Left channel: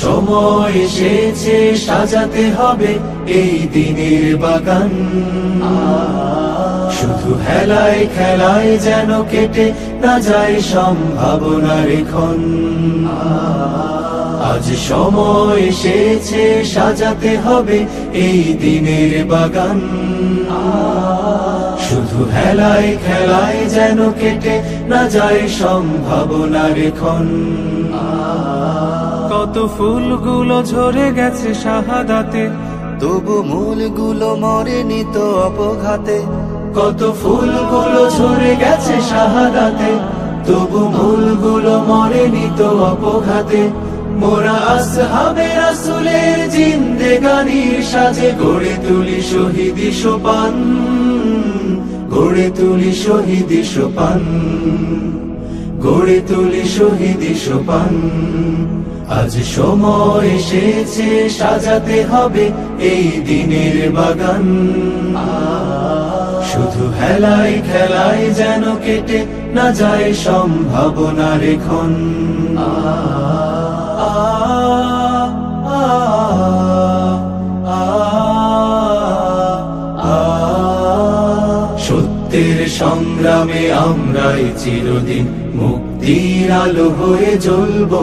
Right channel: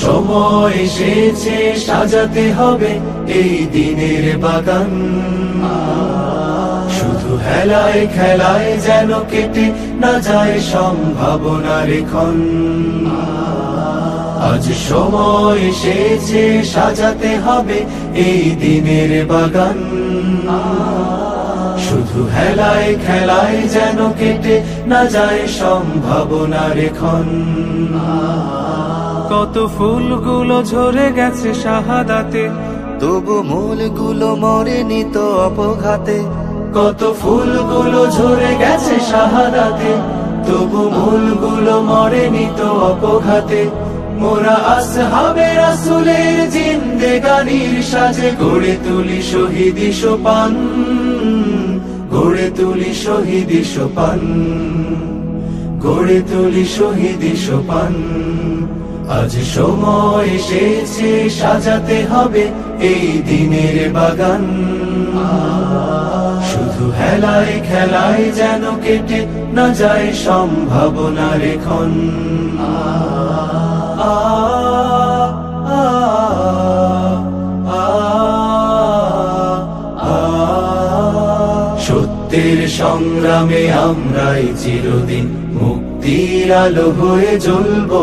সময় এসেছে সাজাতে হবে এই দিনের বাগান। শুধু হেলায় খেলায় যেন কেটে না যায় সম্ভাবনার ক্ষণ। আজ সময় এসেছে সাজাতে হবে এই দিনের বাগান। শুধু হেলায় খেলায় যেন কেটে না যায় সম্ভাবনার ক্ষণ। কত ফুলগুলো ঝরে গেছে শাহাদাতে, তবু মূলগুলো মরেনি তো অপঘাতে। কত ফুলগুলো ঝরে গেছে শাহাদাতে, তবু মূলগুলো মরেনি তো অপঘাতে। মোরা আসহাবে রাসূলের জিন্দেগানির সাজে গড়ে তুলি শহীদি সোপান, গড়ে তুলি শহীদি সোপান, গড়ে তুলি শহীদি সোপান। আজ সময় এসেছে সাজাতে হবে এই দিনের বাগান। শুধু হেলায় খেলায় যেন কেটে না যায় সম্ভাবনার ক্ষণ। সত্যের সংগ্রামে আমরাই চিরদিন মুক্তির আলো হয়ে জ্বলবো।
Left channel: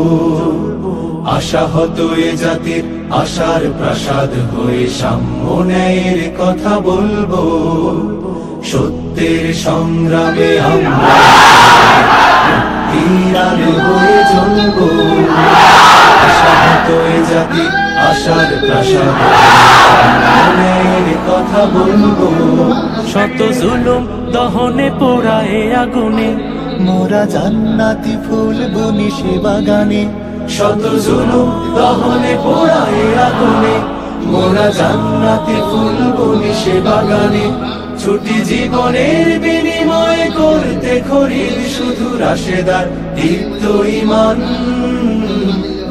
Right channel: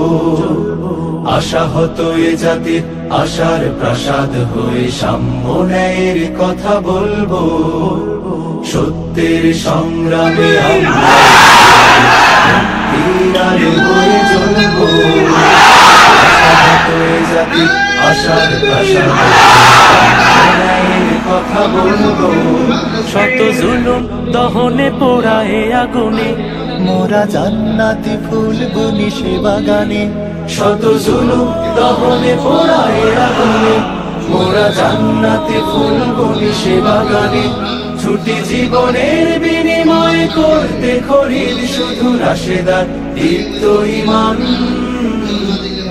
আশাহত এ জাতির আশার প্রাসাদ হয়ে সাম্য ন্যায়ের কথা বলবো। সত্যের সংগ্রামে আমরা মুক্তির আলো হয়ে জ্বলবো। আশাহত এ জাতির আশার প্রাসাদ ন্যায়ের কথা বলবো। শত জুলুম দহনে পোড়ায় আগুনে, মোরা জান্নাতি ফুল বুনি সে বাগানে। শত জুলুম দহনে পোড়ায় আগুনে, মোরা জান্নাতি ফুল বুনি সে বাগানে। ছুটি জীবনের বিনিময় করতে খরিদ শুধু রাশেদার দীপ্ত ঈমান,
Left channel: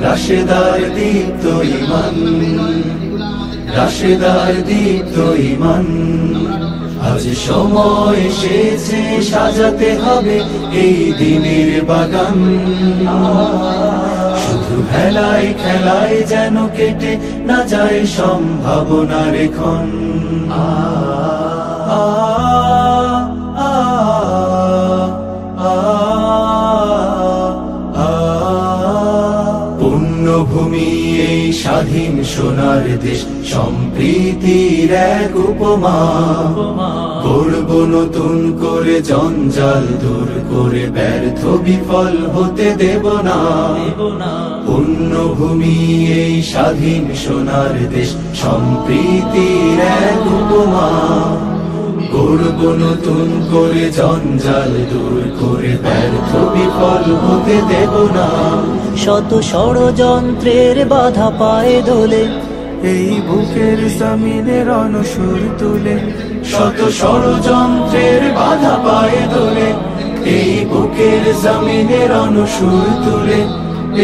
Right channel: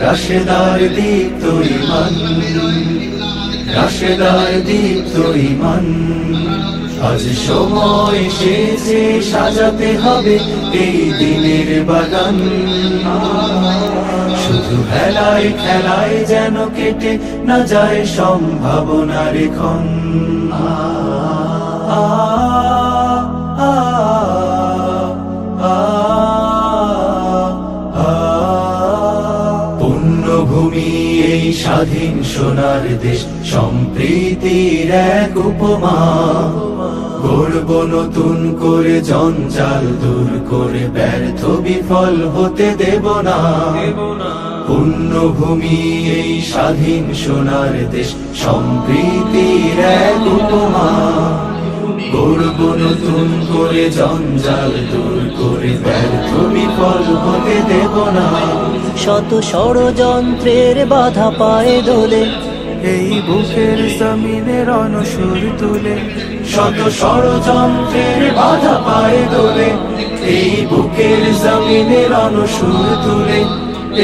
রাশেদার দীপ্ত ঈমান, রাশেদার দীপ্ত ঈমান। আজ সময় এসেছে সাজাতে হবে এই দিনের বাগান। শুধু হেলায় খেলায় যেন কেটে না যায় সম্ভাবনার ক্ষণ। পুণ্যভূমি এই স্বাধীন সোনার দেশ, সম্প্রীতির এক উপমা। গড়ব নতুন করে জঞ্জাল দূর করে, ব্যর্থ বিফল হতে দেব না। পুণ্যভূমি এই স্বাধীন সোনার দেশ, সম্প্রীতির এক উপমা। গড়ব নতুন করে জঞ্জাল দূর করে, ব্যর্থ বিফল হতে দেব না। শত ষড়যন্ত্রের বাধা পায়ে দোলে, এই বুকের জমিনে রণসুর তুলে। শত ষড়যন্ত্রের বাধা পায়ে দোলে, এই বুকের জমিনে রণসুর তুলে।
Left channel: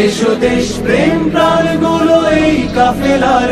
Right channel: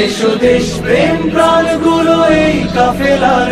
এসো দেশ প্রেম প্রাণগুলো এই কাফেলার